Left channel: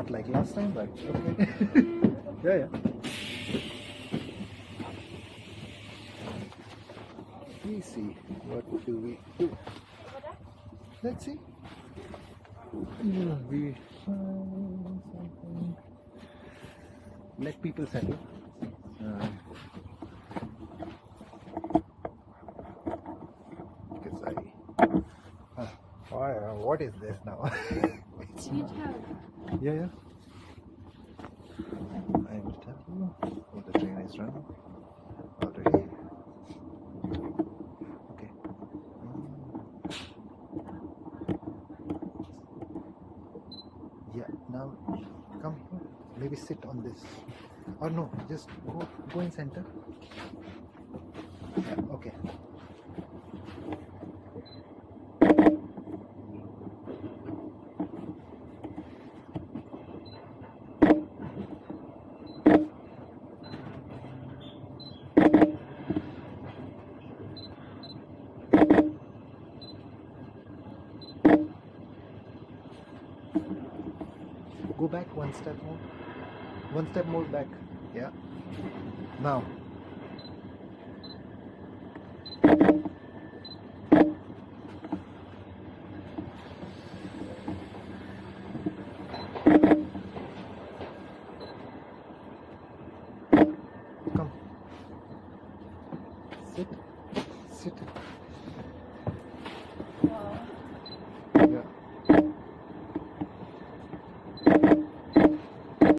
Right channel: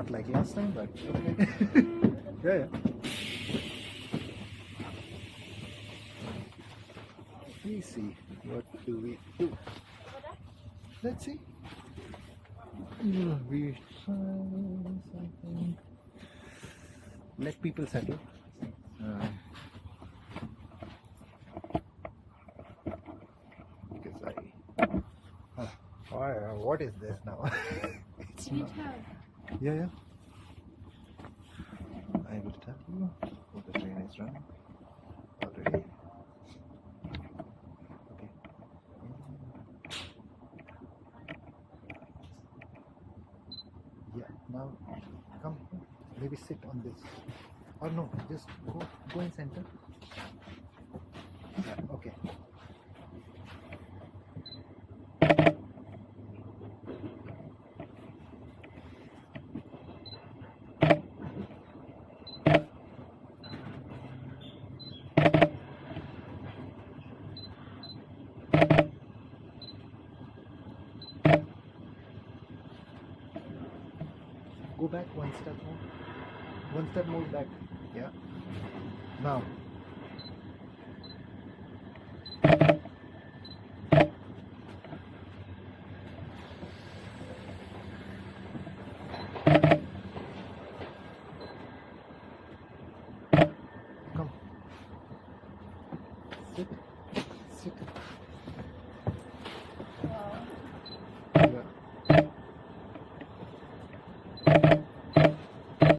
Not like last time, but okay. Yeah. We see. What do we do? Let's see. We find something. Let people settle. Because what is this now? It's not. Yeah. I will tell you. Oh, the train is running already. Okay. Yeah. Now, come. Maybe sit on this. Or no, just go in center. Yeah, okay. Go back one step more. One step more back. Yeah. Now.